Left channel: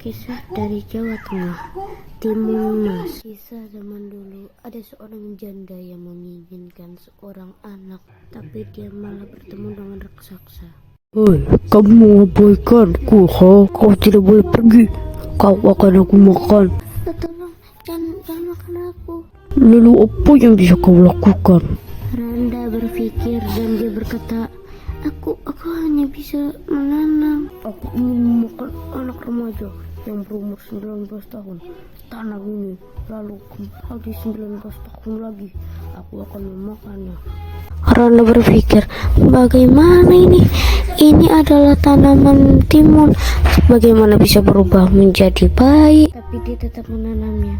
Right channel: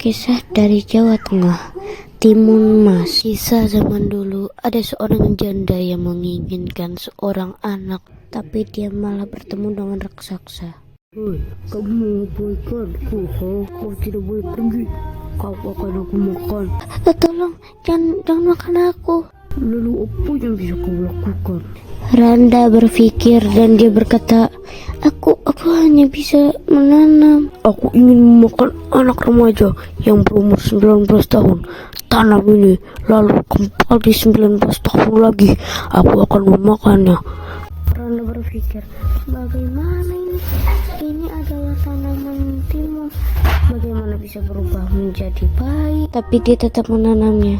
Kisah dari Jawa Tengah, Timun Mas. Kisah zaman dulu, ada seorang janda yang menginginkan seorang anak, tapi dia malah bertemu dengan raksasa. Hei, kamu mengabaikanku, Kau tidak boleh pergi. Kau akan aku makan. Tolong, jangan makan aku. Lalu apa yang bisa kau lakukan? Randa berpikir dan dia berkata, Aku hanya bisa menanam. Aku ingin memakan anak remaja yang berumur 19 tahun. Tanam ini, lalu kembali 19 tahun lagi, aku akan memakannya. Randa berpikir, bagaimana ini? Ini adalah tanaman timun. Bagaimana bisa berubah menjadi bayi? Tapi dia tetap menanamnya.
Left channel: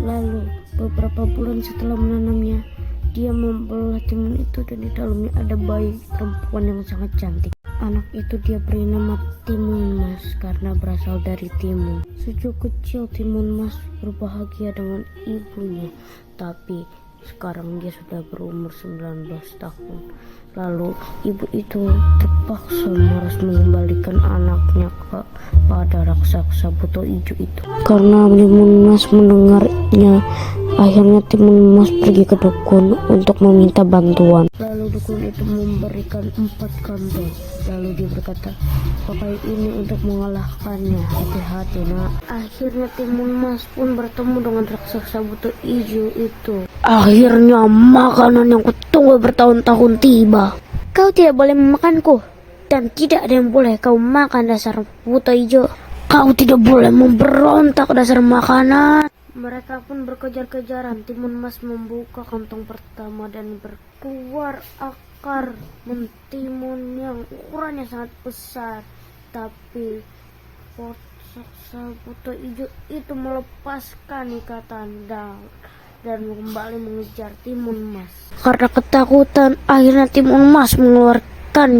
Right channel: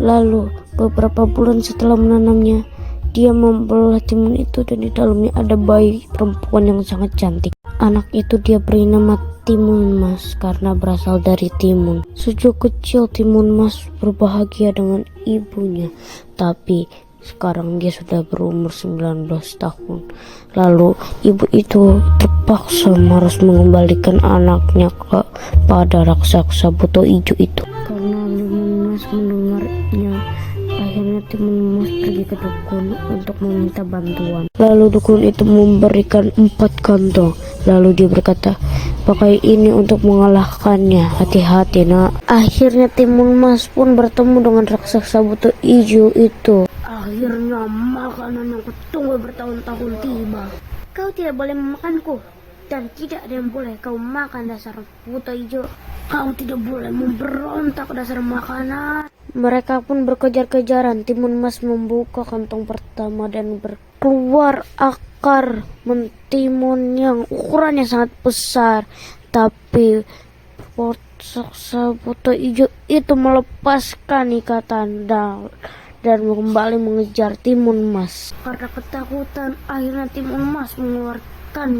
Lalu beberapa bulan setelah menanamnya, dia membelah timun itu dan di dalamnya ada bayi perempuan yang sangat cantik. Anak itu dia beri nama Timun Mas karena berasal dari timun. Sejak kecil Timun Mas berbahagia dengan ibunya, tapi sekarang dia sudah berumur 19 tahun. Lalu ibu itu terpaksa harus mengembalikan anaknya kepada raksasa buto hijau itu. Karena Timun Mas mendengarnya, akhirnya Timun Mas pergi ke dukun untuk meminta bantuan. Lalu dukun itu memberikan 4 kantong. Lalu dia berkata, pakai ini untuk mengalahkannya, hati-hati nak. Akhirnya Timun Mas pun bertemu dengan raksasa buto hijau itu. Akhirnya makanan yang kutunggu bertahun-tahun tiba. Kau tidak boleh memakanku, dan tidak ada yang boleh kau makan dasar buto hijau. Kau tidak boleh memberontak dasar makanan. Mereka pun berkejar-kejaran. Timun Mas membuka kantong pertama dan berkeluar akar mentimun yang ukurannya sangat besar. Tapi raksasa buto hijau itu melepaskan ikatan dan kembali mengejar Timun Mas. Karena ketakutan, akhirnya Timun Mas mengeluarkan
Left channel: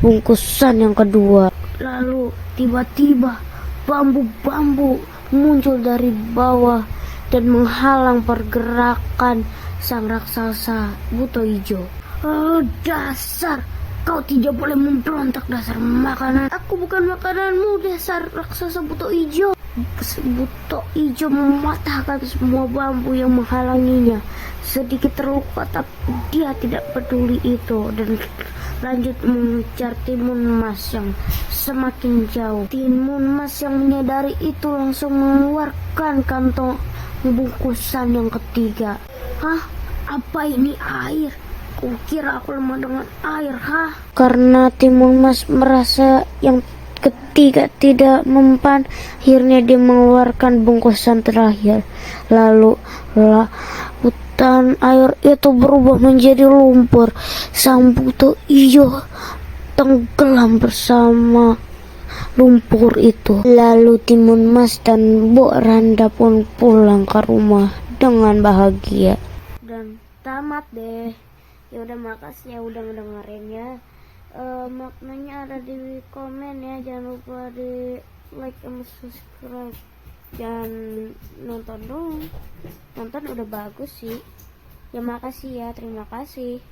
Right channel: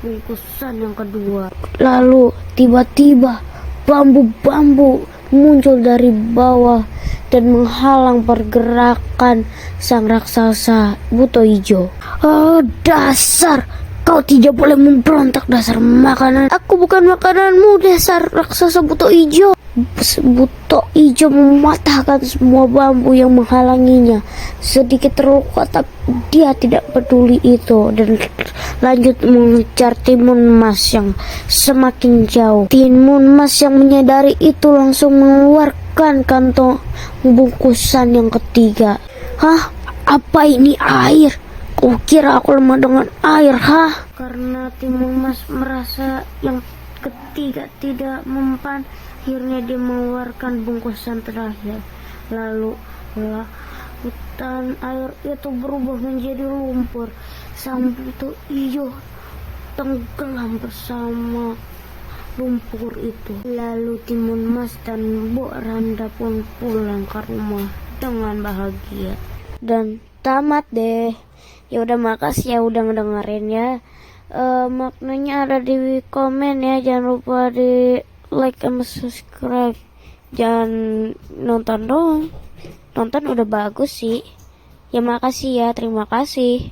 bungkusan yang kedua. Lalu tiba-tiba bambu-bambu muncul dari bawah dan menghalang pergerakan sang raksasa buto hijau. Oh dasar, kau tidak boleh memberontak dasar makanan. Aku bukan makananmu dasar raksasa buto hijau. Buto hijau mematahkan semua bambu yang menghalanginya. Sedikit terluka tapi dia tidak peduli itu dan lanjut mengejar Timun Mas yang semakin jauh. Timun Mas yang menyadari itu langsung mengeluarkan kantong bungkusan yang ketiga. Hah? Apa ini air? Kukira aku lemah dengan air, Karena Timun Mas merasa yang ketiga tidak mempan, akhirnya dia mengeluarkan bungkusan terakhir. Lalu lautan air itu berubah menjadi lumpur. Sang buto hijau tenggelam bersama lumpur itu. Lalu Timun Mas dan Bu Randa pun pulang ke rumah dengan bahagia. Dan tamat deh. Ya udah, makasih ya udah ngedengerin ya. Maknanya ada di komen ya, jangan lupa di like sama subscribe. Jangan nonton doang, nonton udah bagus sih ya. Makasih ya, terima kasih.